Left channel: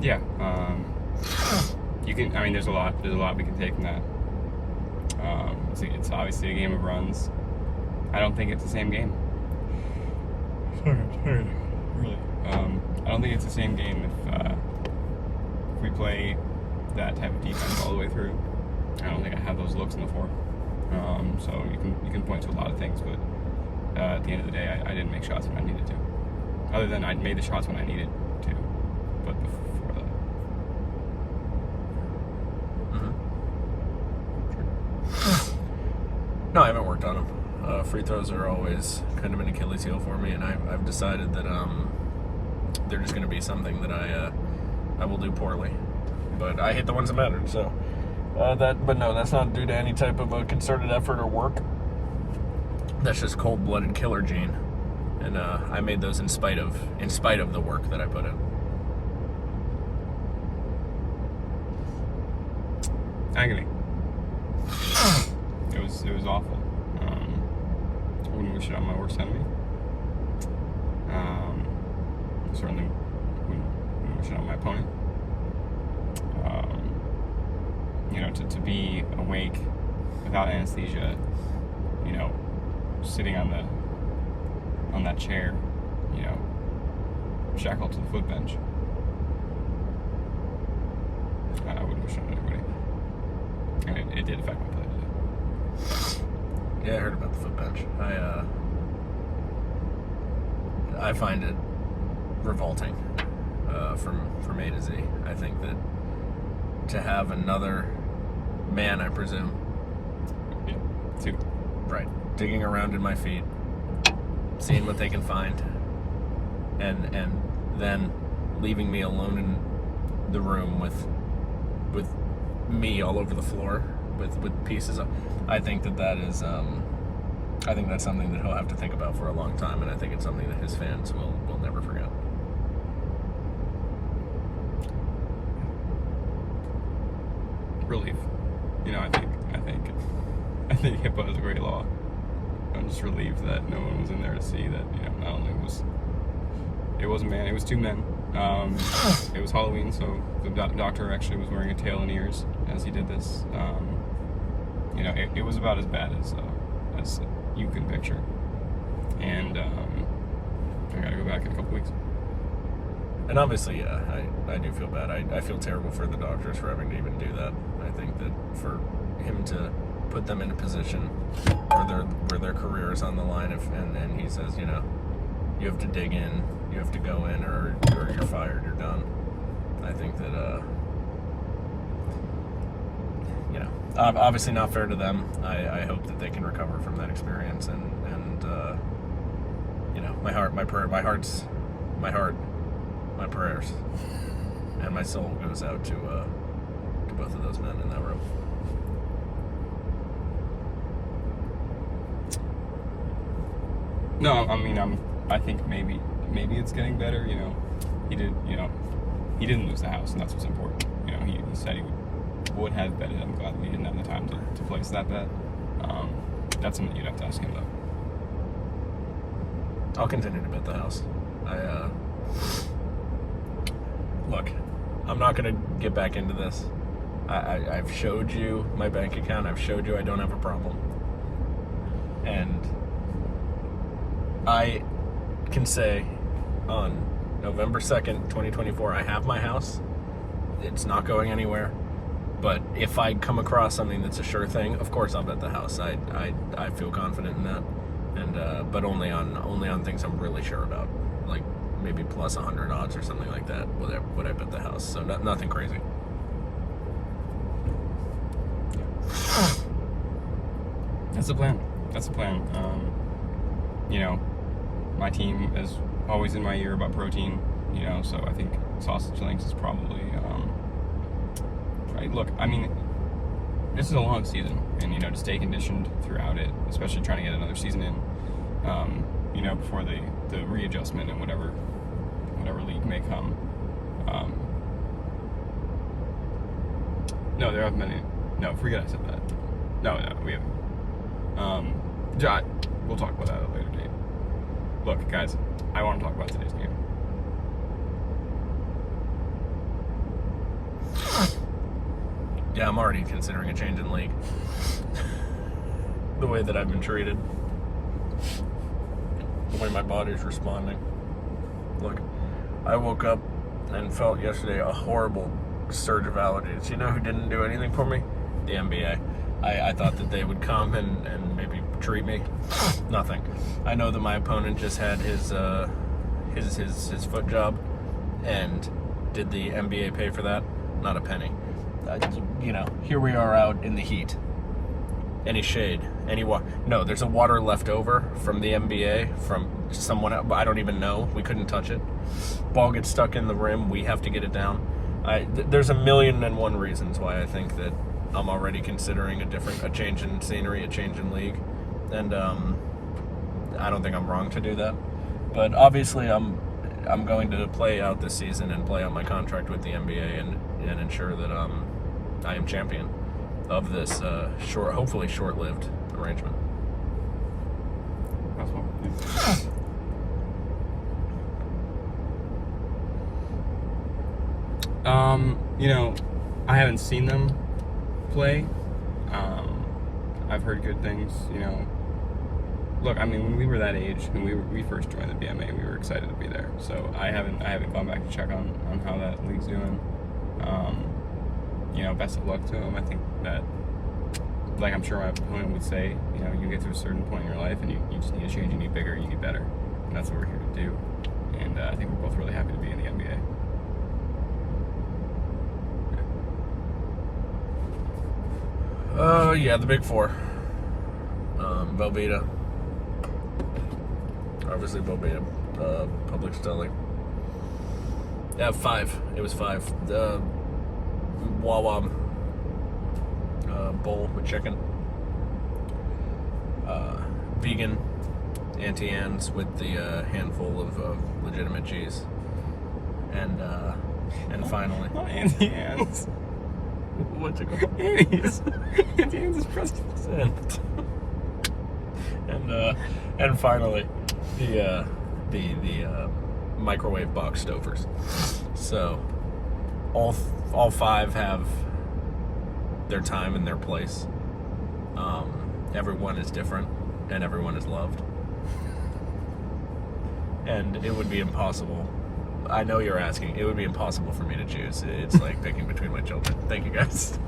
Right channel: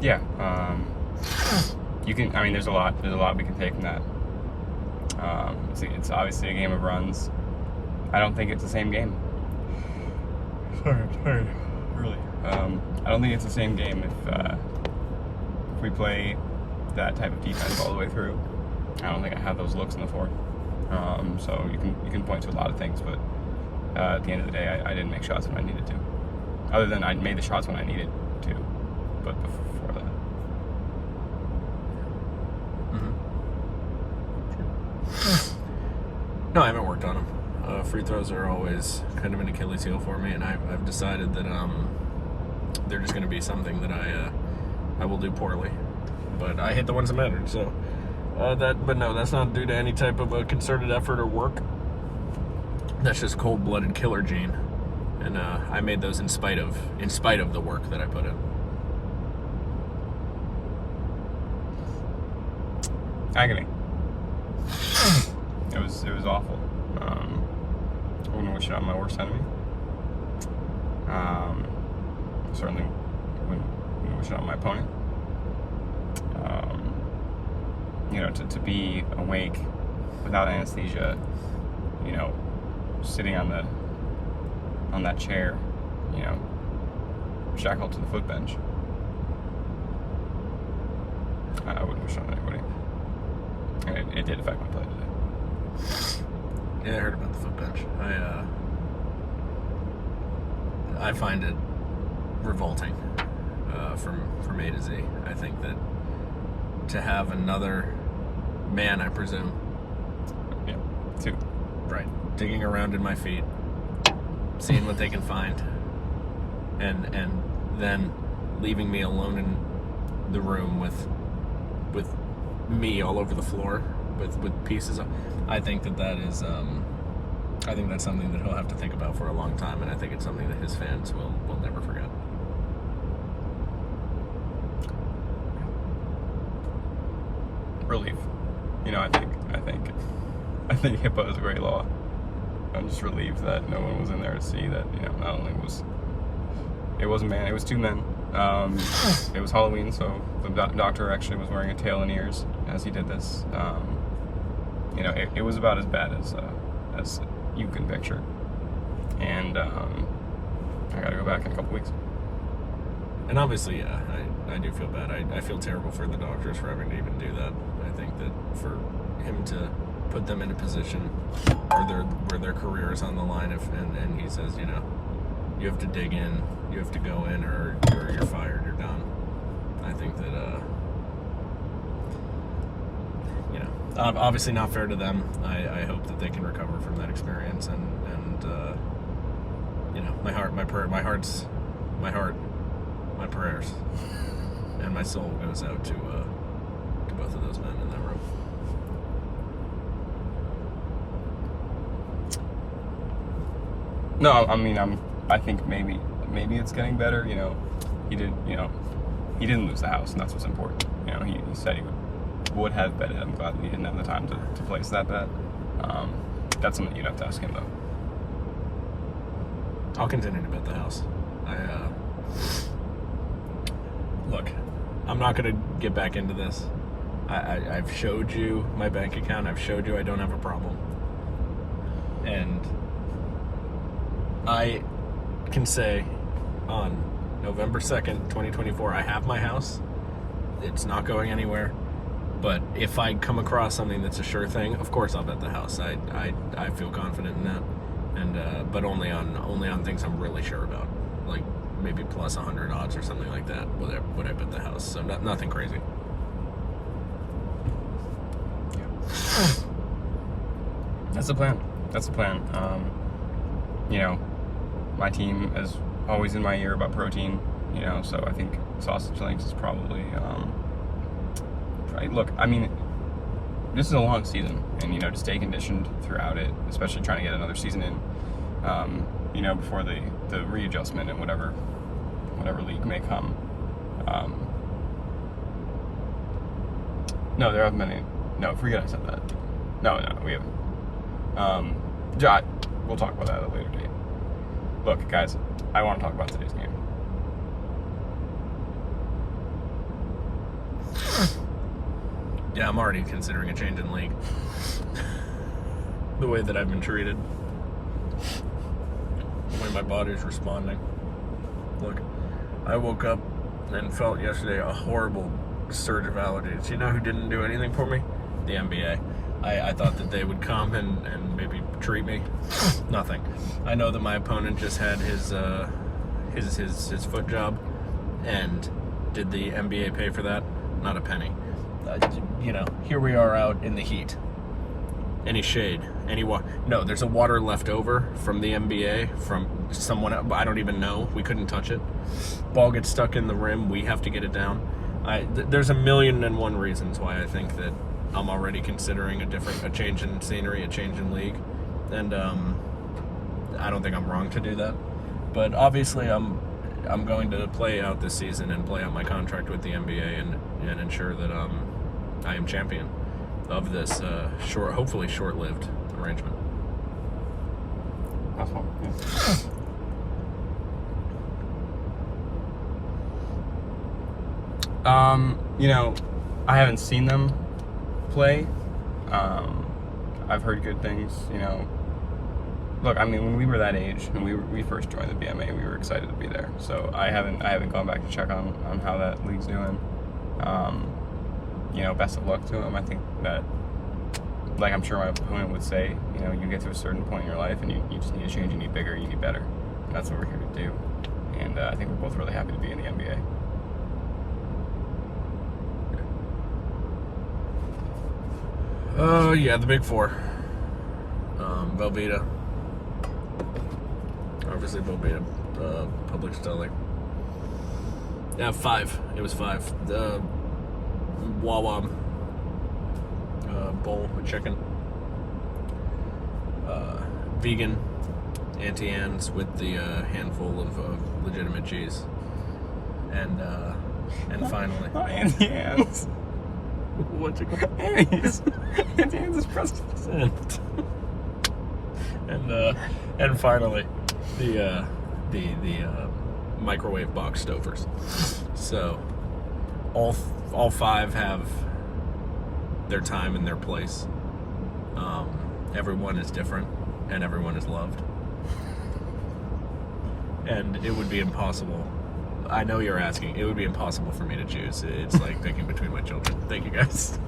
Yeah. You can. I mean, there's a lot we can take from that. It's obviously a game of runs. I don't think it's the same game. Sorry, really. I don't think it's the same game if we play that type of defense all the way through. I don't think I have those looks in the fourth. So you can point to a lot of things, but at the end of the day, I didn't make shots when I needed to. Other than I made the shots when I needed to, but before that. No, I haven't worked on them. Free throws are always kind of an Achilles heel for me, and I've decided that they're just going to be something that I will do poorly. But I hit the ones that mattered, so but no, that's not due to any type of a concerted effort or work. That's just cold-blooded killer gene, and I made those in spite of the work that I put in. Agony. It was awful. I wouldn't wish it on my worst enemy. Certainly wouldn't wish it on my opponent. To be awake without anesthesia, sitting on that chair, shackled to the foot bench. I wouldn't wish it on anybody. And it did affect my play today. Yeah, I heard about the foot bench. I find it revolting from A to Z. I think that to have another man, I presume, right, digging around in my feet, seeing what they can find, and then leaving me alone in the room with me all over the floor with pieces of, I think that is I think that's something that he'll have to think about for a long time, and I think it's something that his fans will never forget. Relief. I think HIPAA is a great law. I'm just relieved that no one was in there to see that, not only it was a man, it was two men. It was Halloween, so the doctor actually was wearing a tail and ears as he did this. It was about as bad as you can picture. And I gotta go back in a couple weeks. And obviously, yeah, I do feel bad. I feel terrible for the doctors for having to even do that. I think that for him to put them in a position where their career is on the line, and he says, you have to dig in, you have to go in, or you're fired, you're done. I think that, obviously not fair to them. I hope that they can recover from that experience, and my heart, my prayers, and my soul goes out to both of those men in that room. No, I mean, I think maybe it's getting better. He didn't lose the house, and that's what's important. He said he would have betted. I'm glad that he didn't have the time to place that bet. That's something you'd have to ask him, though. I'll continue to bet the house. Look, I'm not going to get back into this. I've showed you my bank account. I've showed you I don't have a problem. And I can say on November 2nd, 2024, I have my house. It's not going anywhere. But if I come across something that's a sure thing, of course I'll bet the house. I feel confident in that. And but only on things I'm really sure about. Like maybe plus 100 odds or something like that would I bet the house. So nothing crazy. That's the plan. My team is always in my ear about protein, so I think sausage links is probably, right. Look, I mean, this is a long season, and, to stay conditioned throughout it, especially trying to get another season in, before the readjustment and whatever league may come. No, there haven't been any. No, forget I said that. No, we haven't. We'll talk about that at a later date. Look, guys, I want to talk about today's game. Yeah, I'm already considering a change in league. The way that I've been treated. The way my body's responding. Look, I woke up and felt yesterday a horrible surge of allergies. You know who didn't do anything for me? The NBA. I thought that they would come and maybe treat me. Nothing. I know that my opponent just had his foot job, and did the NBA pay for that? Not a penny. Here we are out in the heat. Any shade, any water? No, there's a water left over from the NBA, from someone else, I don't even know. We couldn't touch it. Ball gets stuck in the rim. We have to get it down. There's 1,000,001 reasons why I think that I'm already considering a change in scenery, a change in league, and I don't think I'm wrong to do that. But obviously, I'm going to play out this season and play out my contract with the NBA and ensure that I am champion of this hopefully short-lived arrangement. I haven't seen them play. I've heard good things. Look, I mean, when we were that age, when we first joined the BMA, we were excited to be there. So I haven't gone back to check on how that league's doing. Best of luck to him. I think that, like I'm sure my opponent would say, you get to a certain point in your life and you just need to change, you need bigger, you need better. And that's what we're here to do. And I think we're both really happy to be in the NBA. Yeah, the big four. Velveeta. Obviously, Velveeta. Public Stelling. Yeah, 5. It was 5. The Wawa bowl with chicken. Vegan Auntie Anne's with the handful of legitimate cheese. And finally. Auntie Anne's. What's it called? Annie's. Auntie Anne's is Preston. And finally, the microwave box Stouffer's. So all 5 have their time and their place. Everyone is different, and everyone is loved. And it would be impossible. I know you're asking. It would be impossible for me to choose. It's like picking between my children. Thank you, guys.